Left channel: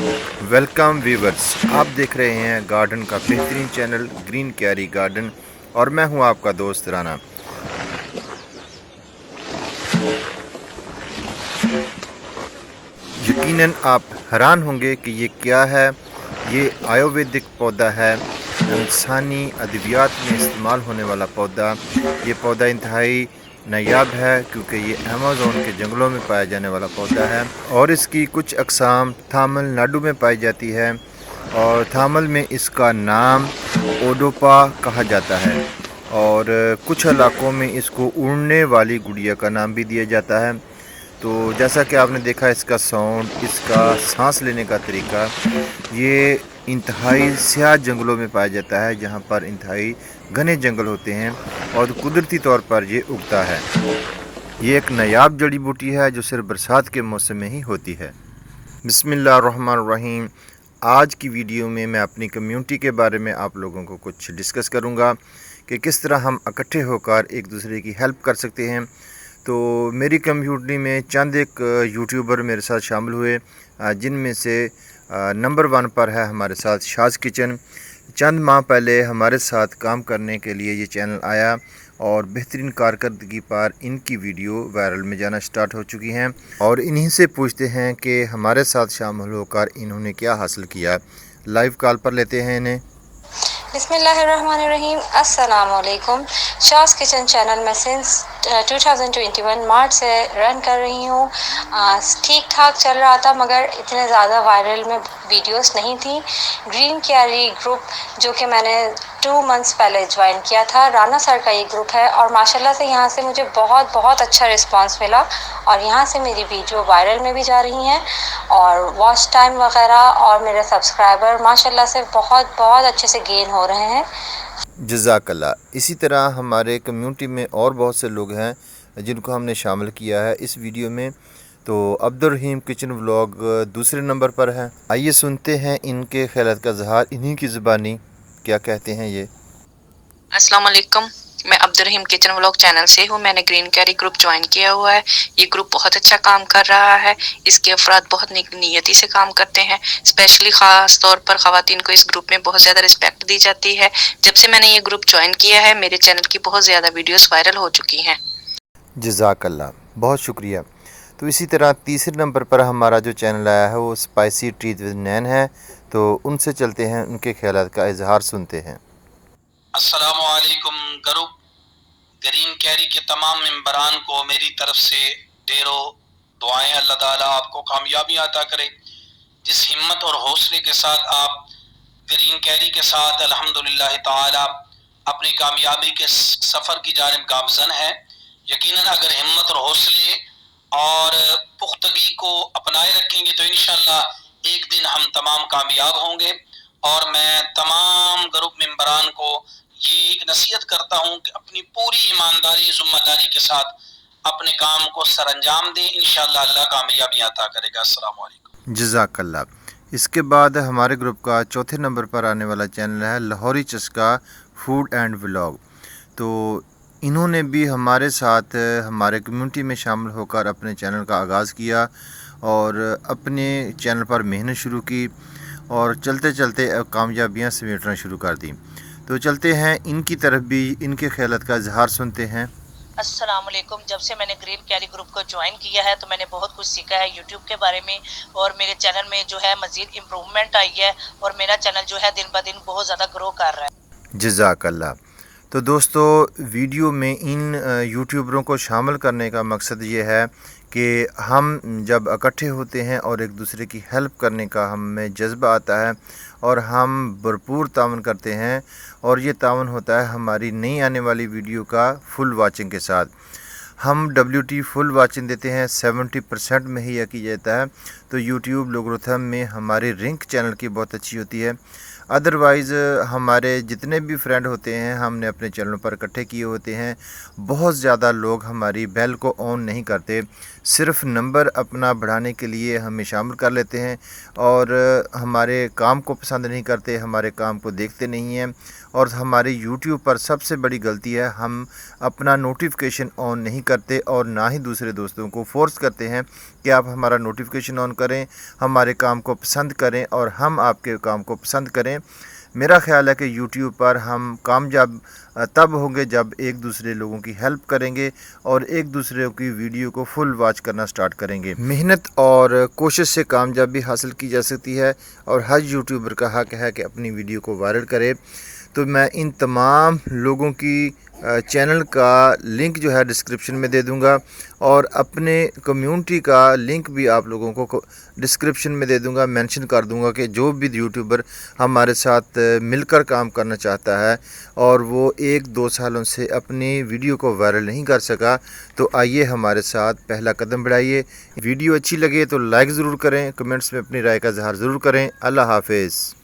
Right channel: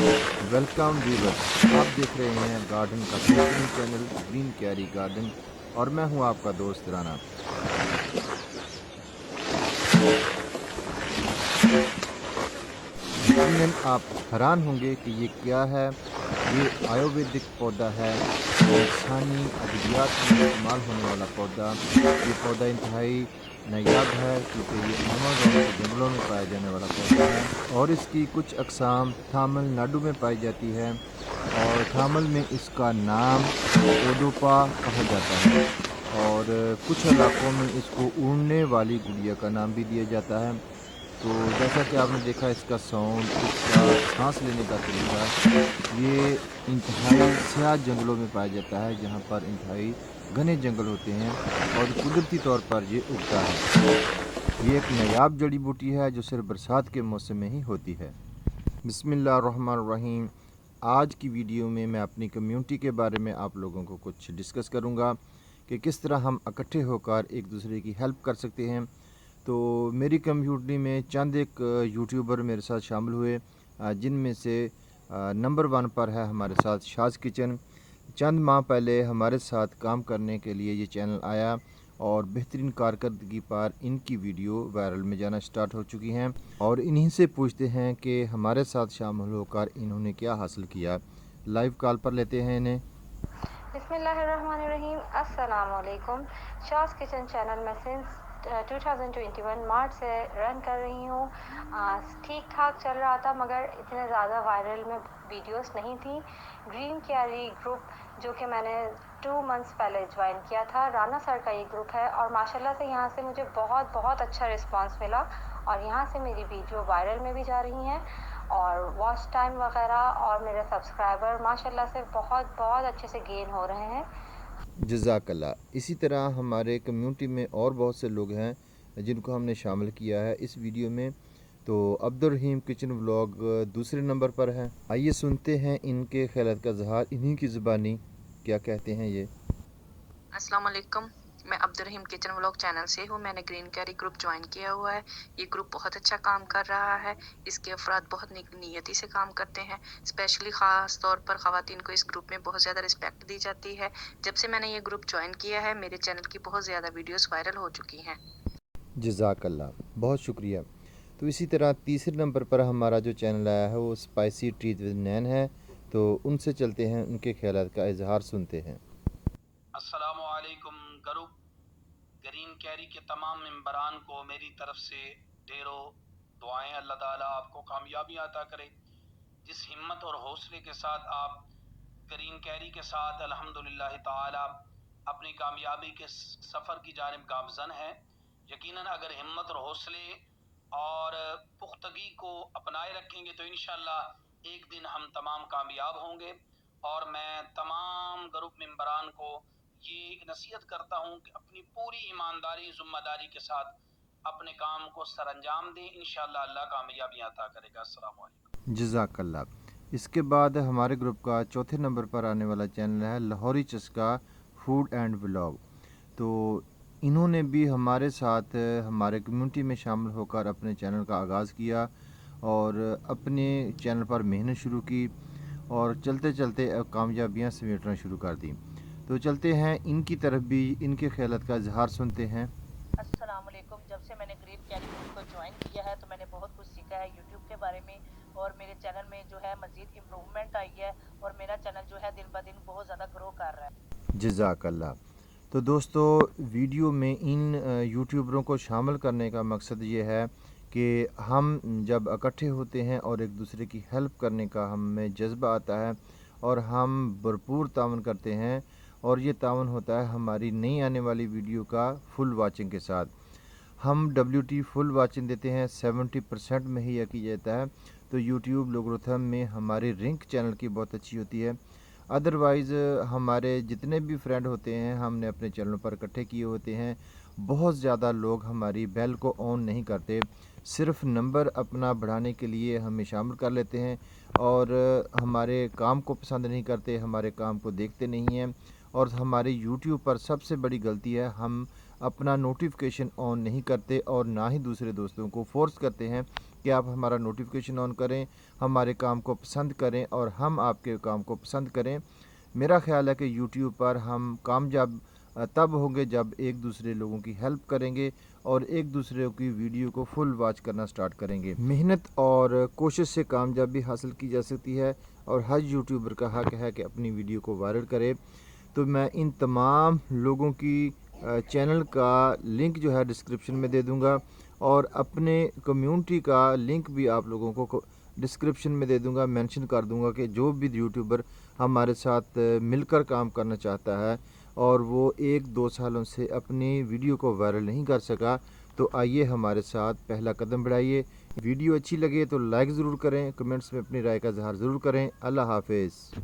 Welcome viewers, آپ دیکھ رہے ہیں گارڈن کا بہترین چینل گرین کیری گارڈن، اور میں ہوں آپ کا دوست رانا۔ یقیناً آپ حیران ہوں گے کہ یہ کیا ہے۔ یہ آیورویدک پودا ہے، انسانی ادویات میں استعمال ہونے والا پودا۔ یہ پودا انتہائی نایاب ہے کیونکہ یہ ایمیزون کے جنگلوں میں پایا جانے والا پودا ہے، اور اس کی کچھ اقسام تامل ناڈو میں پائی جاتی ہے، اور تامل میں اس کا نام اوڈوپا کہا جاتا ہے، اور کچھ علاقوں میں اس کو اڑنے والی گڑیا کا نام بھی دیا جاتا ہے۔ تو جیسا کہ آپ نے دیکھا، اس کا ساؤنڈ، اس کا سانس لینے کا طریقہ، یہ انتہائی سیاہ جنگلوں میں پایا جاتا ہے جہاں پر انتہائی گھنے جنگل ہوتے ہیں، اور قدرتی طور پر یہ اگتا ہے۔ یہ ایک نایاب جڑی بوٹی ہے جو صرف برسات کے موسم میں ہی ہوتی ہے۔ بسم اللہ الرحمن الرحیم۔ آج کی ویڈیو میں اپنی کمیونٹی کے بارے میں آپ لوگوں کو کچھ ڈسکس کروں گا کہ کس طرح ہم اکٹھے ہو کر ایک دوسرے کی ہیلپ کر سکتے ہیں۔ تو میری کمیونٹی میں چند ایک یوٹیوبر میرے ساتھ شامل ہوئے، جن میں سے نمبر 1 پر ہے ہمارے ساتھ شاز کچن۔ چند ماہ پہلے ہمارے ساتھ کام کرنے کے لیے یہ چینل آیا، اور بہترین کارکردگی پر ان کی ویڈیو وائرل میں جانا سٹارٹ ہو چکی ہیں، اور انہی سے پوچھتے ہیں کہ ہمارے ساتھ شامل ہو کر انہوں نے کیا حاصل کیا۔ لائیو کال پر لیتے ہیں انہیں۔ بسم اللہ الرحمن الرحیم۔ السلام علیکم۔ شاز کچن چینل میں سنس 2021 مارچ سے رن کر رہی ہوں۔ ٹھیک ٹھاک چل رہا تھا، مگر اتنے زیادہ وائرل میں ویڈیوز نہیں تھیں۔ گرین کیری گروپ جو کہ میں نے 2 منتھس پہلے جوائن کیا تھا، رانا سر کا یہ گروپ ہے، اور ماشاءاللہ سے یہاں سے مجھے بہت اچھا رسپانس ملا، اور یہاں سے میری ویڈیو وائرل میں بھی جا رہی ہیں، اور واچ ٹائم وغیرہ اور میرے سبسکرائبر ماشاءاللہ سے بہت اچھے سے گین ہو رہے ہیں۔ جزاک اللہ۔ اسی طرح ہمارے کمیونٹی میں اور بہت سے لوگ ہیں جن کو ہم نے شامل کیا ہے اس ویڈیو میں۔ تو عبدالرحیم کچن ولاگ دوسرے نمبر پر ہے۔ آئیے سنتے ہیں ان کے خیالات کا اظہار انہی کی زبانی، کیا کہتے ہیں یہ۔ السلام علیکم، میں عبدالرحیم کچن ولاگ چینل سے ہوں۔ میں نے گرین کیری گروپ جوائن کیا ہوا ہے۔ یہ گروپ بہت اچھا کام کر رہا ہے۔ اس کے افراد بہت نیک نیتی سے کام کرتے ہیں، اسپیشلی خاص طور پر خواتین کو اس گروپ میں بہت زیادہ رسپیکٹ دی جاتی ہے۔ جب سے میں نے یہ گروپ جوائن کیا ہے، میرے چینل کی بہت زیادہ ویڈیوز وائرل ہو چکی ہیں۔ جزاک اللہ، بہت شکریہ۔ تو اسی طرح تیسرے نمبر پر ہمارا جو چینل آیا ہے وہ اسپائسی ٹریت ود نین ہے۔ تو ان سے چلتے ہیں، ان کے خیالات کا اظہار سنتے ہیں۔ السلام علیکم گروپ گرین کیری کے تمام ممبران کو میری طرف سے ڈھیروں دعائیں۔ اللہ تعالیٰ آپ کو کامیابی عطا کرے۔ جس ہمت اور حوصلے کے ساتھ آپ گرین کیری کے ساتھ الحمدللہ تعالیٰ اپنی کامیابی کے سفر کی جانب گامزن ہے، یقیناً اگر ہمت اور حوصلے اور پختگی کو اپنائے رکھیں گے تو انشاءاللہ ایک دن ہم تمام کامیاب ہوں گے۔ اور میں تمام گروپ ممبران کو یہ ایک نصیحت کرتا ہوں کہ اپنی پوری ایمانداری ذمہ داری کے ساتھ اپنے کام کو سر انجام دیں، انشاءاللہ اللہ کامیابی عطا کرے گا۔ السلام علیکم۔ جزاک اللہ۔ اس کے بعد ہمارے گروپ کا چوتھے نمبر پر آنے والا چینل ہے لاہوری چسکا فوڈ اینڈ ولاگ۔ تو انہوں نے بھی ہمارے ساتھ ہمارے کمیونٹی میں شامل ہو کر اپنے چینل کا آغاز کیا، اور اپنے چینل پر محنت شروع کی، اور چلتے چلتے کامیابیاں سمیٹنا شروع کر دیں۔ تو چلتے ہیں ان کی طرف بھی، ان کے خیالات کا اظہار سنتے ہیں۔ السلام علیکم۔ جب سے میں نے گرین کیری گروپ کو جوائن کیا ہے تو میں نے بہت کچھ سیکھا ہے یوٹیوب کے بارے میں، اور میرے چینل میں جو ہے مزید امپروومنٹ آئی ہے، اور میرا چینل جو ہے دن بدن بہت زیادہ گرو کر رہا ہے۔ جزاک اللہ۔ تو دوستو، ویڈیو میں ان یوٹیوبروں کو شامل کرنے کا مقصد یہ ہے کہ ہم جب اکٹھے ہوتے ہیں اور ایک دوسرے کی ہیلپ کرنے کا ہم میں جذبہ آتا ہے، اور ہم بھرپور تعاون کرتے ہیں، اور یہ تعاون ہوتا ہے ہماری نئی آنے والی ویڈیو کا فل واچنگ کے ساتھ۔ ہم WT فل واچنگ دیتے ہیں، 70% میں ہی یہ کیا جاتا ہے۔ تو یوٹیوب لوگرتھم میں ہماری رینک چینل کی بہت اچھی ہوتی ہے۔ ادروائز ہمارے جتنے بھی فرینڈ ہوتے ہیں ہم نے اپنے چینلوں پر اکٹھے کیے ہوتے ہیں۔ بہت زیادہ لوگ ہماری بیل کو آن نہیں کرتے، صرف نمبر اپنا بڑھانے کے لیے ہمیں شامل کر لیتے ہیں، اور ہمارے کام کو پسند نہیں کرتے، ہمارے کام کو دیکھتے نہیں ہیں۔ اور ہمارے یوٹیوب پر سب سے بڑی غلطی ہے، ہم اپنا نوٹیفیکیشن آن نہیں کرتے، اور نہ ہی دوسرے دوستوں کو فورس کرتے ہیں کہ آپ ہمارا نوٹیفیکیشن آن کریں, ہمارے کام کو پسند کریں اور ہم آپ کے کام کو پسند کریں. میرا خیال ہے کہ یوٹیوب پر ہم کامیاب تب ہوں گے جب ایک دوسرے لوگوں کی ہیلپ کریں گے اور ایک دوسرے کی ویڈیو کو فل واچ کرنا سٹارٹ کریں گے. محنت اور کوشش سے کامیابی حاصل کی جا سکتی ہے اور ہر یوٹیوبر کا حق ہے کہ اپنی ویڈیو کو وائرل کرے. تو میں ان تمام لوگوں کی چینل کا لنک جو ہے ڈسکرپشن میں دے دوں گا اور اپنے کمیونٹی کا لنک بھی آپ لوگوں کو ڈسکرپشن میں دے دوں گا, مینشن کر دوں گا کہ جو بھی یوٹیوبر ہمارے ساتھ مل کر کام کرنا چاہتا ہے اور وہ 1-2 سالوں سے اپنی ویڈیو کو وائرل نہیں کر سکا, تو آئیے ہمارے ساتھ پہلا قدم بڑھائیے. ویڈیو اچھی لگے تو لائک ضرور کریں, کمنٹس میں اپنی رائے کا اظہار ضرور کریں. اللہ حافظ.